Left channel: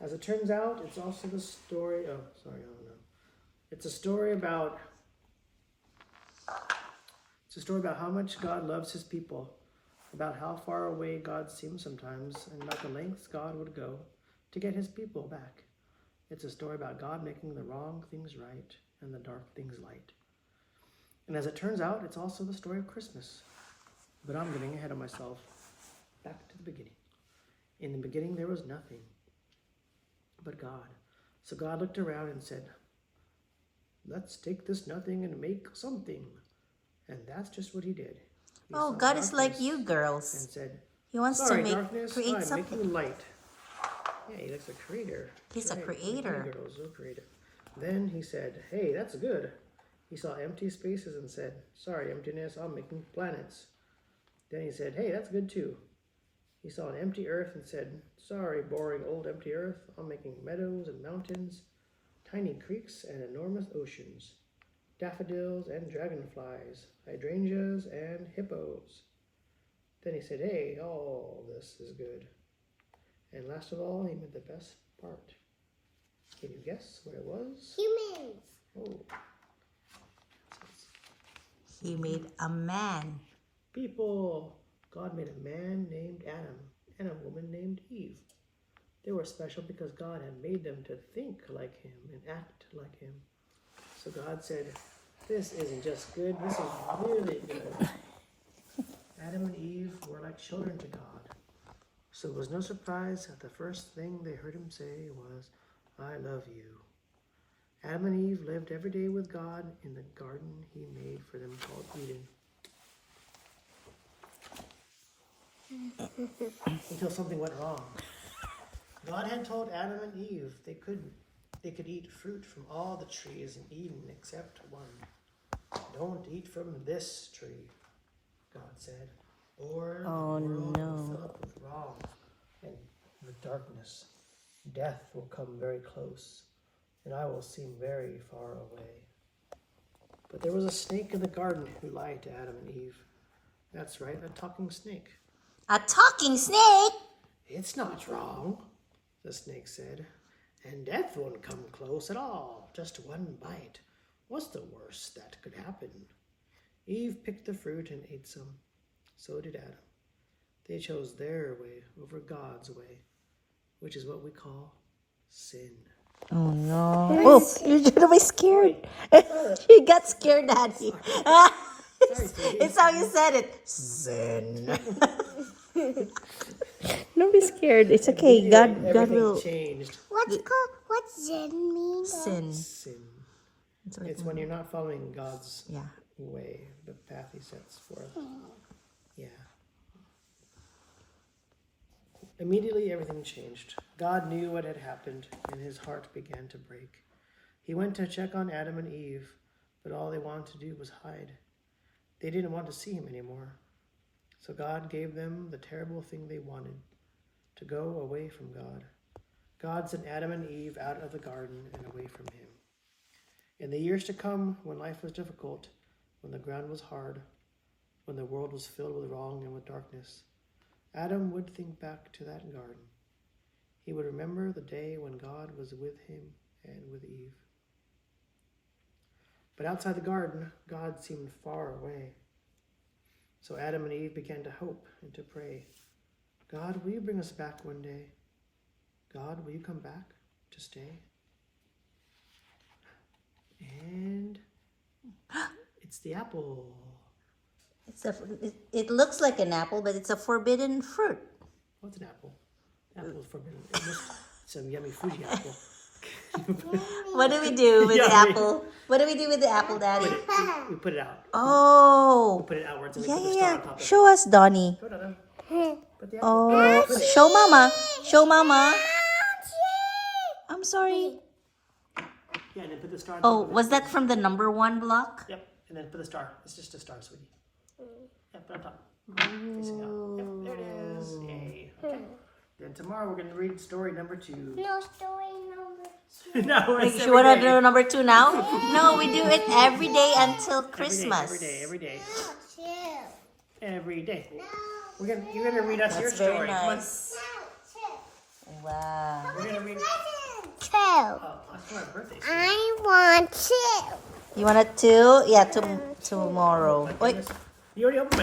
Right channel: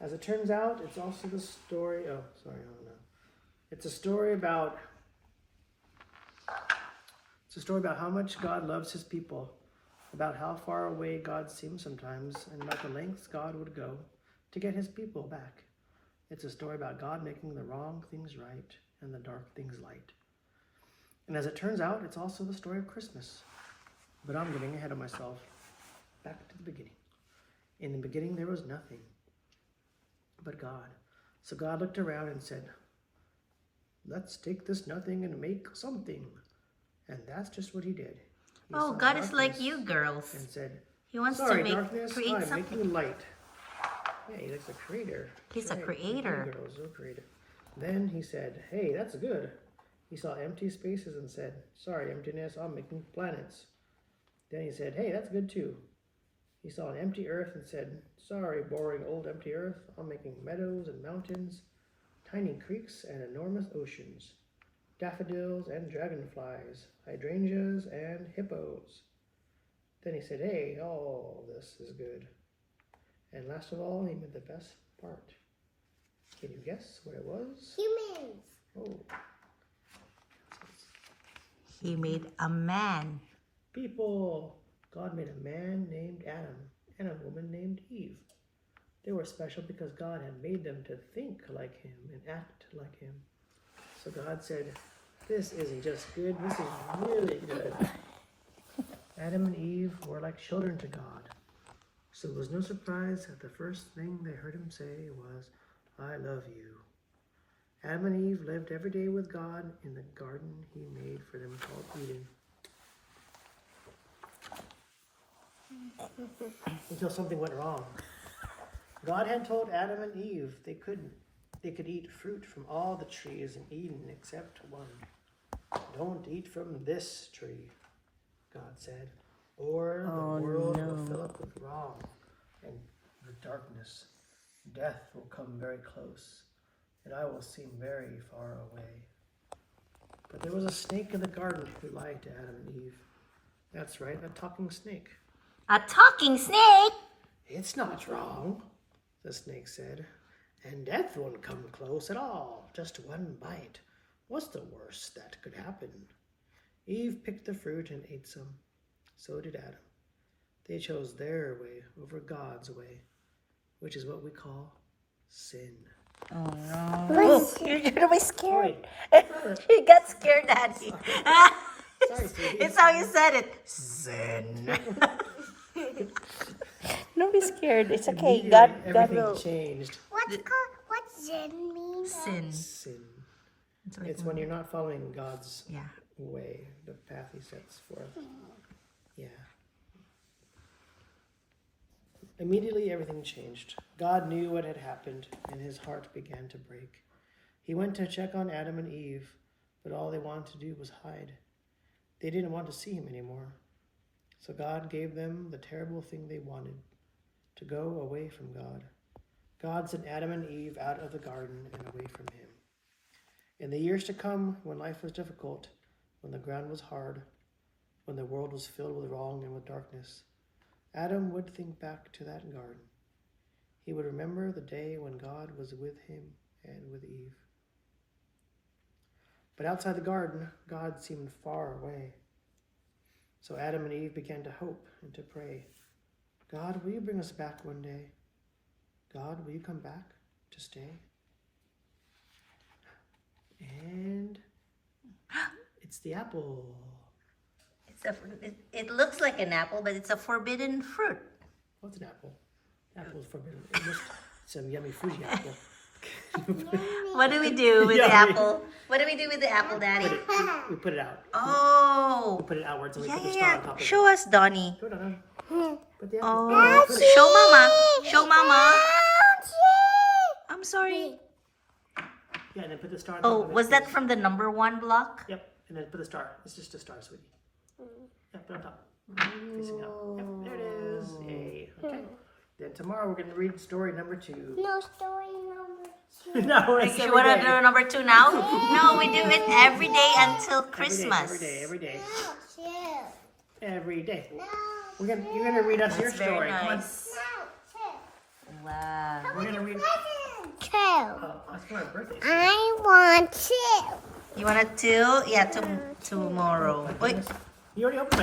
As it turns out, it's also the story. Oh, sorry, I don't know. It's a story about. It's a story about how much God loves His people, about how far away God seems sometimes, and about the lengths God would go to get His people back. It's a story about God making the wrong things right and the dark things light. And as it turns out, it's also the story of Christmas. But I'm getting ahead of myself. Back to the beginning. In the beginning, there was nothing but God. So God looked around and said, let's take this nothing and make something. And that's just what He did. He Oh, saw God is like darkness you girls. and said, He wants sorry, to darkness, create I'm something. making light. Yeah, He's like the creator. He's That's a right. creator. You girls, so creative. Then He said, hey, that's good. He saw empty spaces and said, sorry, emptiness, I'm making planets. Then He said, hey, that's good too. He saw an empty earth and said, sorry, boring old empty earth, I'm making meadows and mountains, tiny creeks and enormous oceans, daffodils and dragonflies, hydrangeas and hippos. Then He said, hey, all this is good. And last of all, He made the best part. Can you guess what it was? Humans. Oh, He made a man. people. God made a man named Adam and a woman named Eve. They were special because God had made them to think like Him and act like Him. So God said, this isn't just good, this is really good. Adam and Eve were like children to God. So it was no surprise that the first thing they heard Him say was, I love you. Adam and Eve lived every day with God in the garden He made for them called Eden. Until something went wrong. God had told Adam and Eve they could eat fruit from all the trees in Eden except one. Don't eat from this tree, God said, or the world will fill up with wrong and the darkness. Death will come very close, and I will seem very far away. But there was a snake in the garden who lied to Adam and Eve. That's right, a talking snake. A talking snake? It's not wrong, the snake said, and death won't come close at all, just one bite. What's the worst that could happen? Eve picked the fruit and ate some. So did Adam. They chose their way over God's way, which is what we call sin. Oh no. Oh, you're gonna be scared. You got scared, Daddy. Sorry, sweetie. It's how you said it. Sin. Don't be scared. It's okay. God Everything will. changed. What's Zen mean? Sin. Sin. That's what It's when you're not following God's Yeah. way, the path He sets for us. Yeah. Immediately, everything changed. God knew what had happened, and His heart began to break. He went to check on Adam and Eve, but all they wanted to do was hide. They didn't want to see Him anymore. So God gave them the terrible thing they wanted, to go away from God. God sent Adam and Eve out of the garden and away from Him. In the years to come, when life was difficult, when the ground was hard, when the world was filled with wrong and with darkness, Adam would think back to that garden. He would remember the day when God was with him and with Eve. But outside the garden, God seemed far away. So Adam and Eve began to hope and to pray. God, will you bring us back one day? God, will you come back to stay? And it's the apple. It looks like an apple, but it's a forbidden fruit. What's an apple? Apple is forbidden. It must some yummy Fuji apple. What do we do with the Yummy. apple? What do we do with the apple, Daddy? We put it out. Oh. We put it outwards and we Yeah, put the yeah, star on yeah. top of it. Show us, Donnie. Put it on. Put the apple. Oh, Put it- show Mama. Show Mama. I'm sorry. Yeah, and then put the star on Oh, top of it. was that from the number 1 block? Yep, and then put the star. It's just a star, sweetie. Yeah, put it on top. Facing out. Yep, there it is. Yay. Okay. Then tomorrow we're going to read story number 2. No, story number 2. No, it's You want to every day. do number 2 now? No, we do it every day until Every day, Christmas. every day. No, chill. Every day. No. You're gonna read us your That's very story. Come on. nice. No, chill. Wow. We're gonna read. Two. That's for our birthday. I want two. You want a two? Yeah, tomorrow. Wait. You already opened my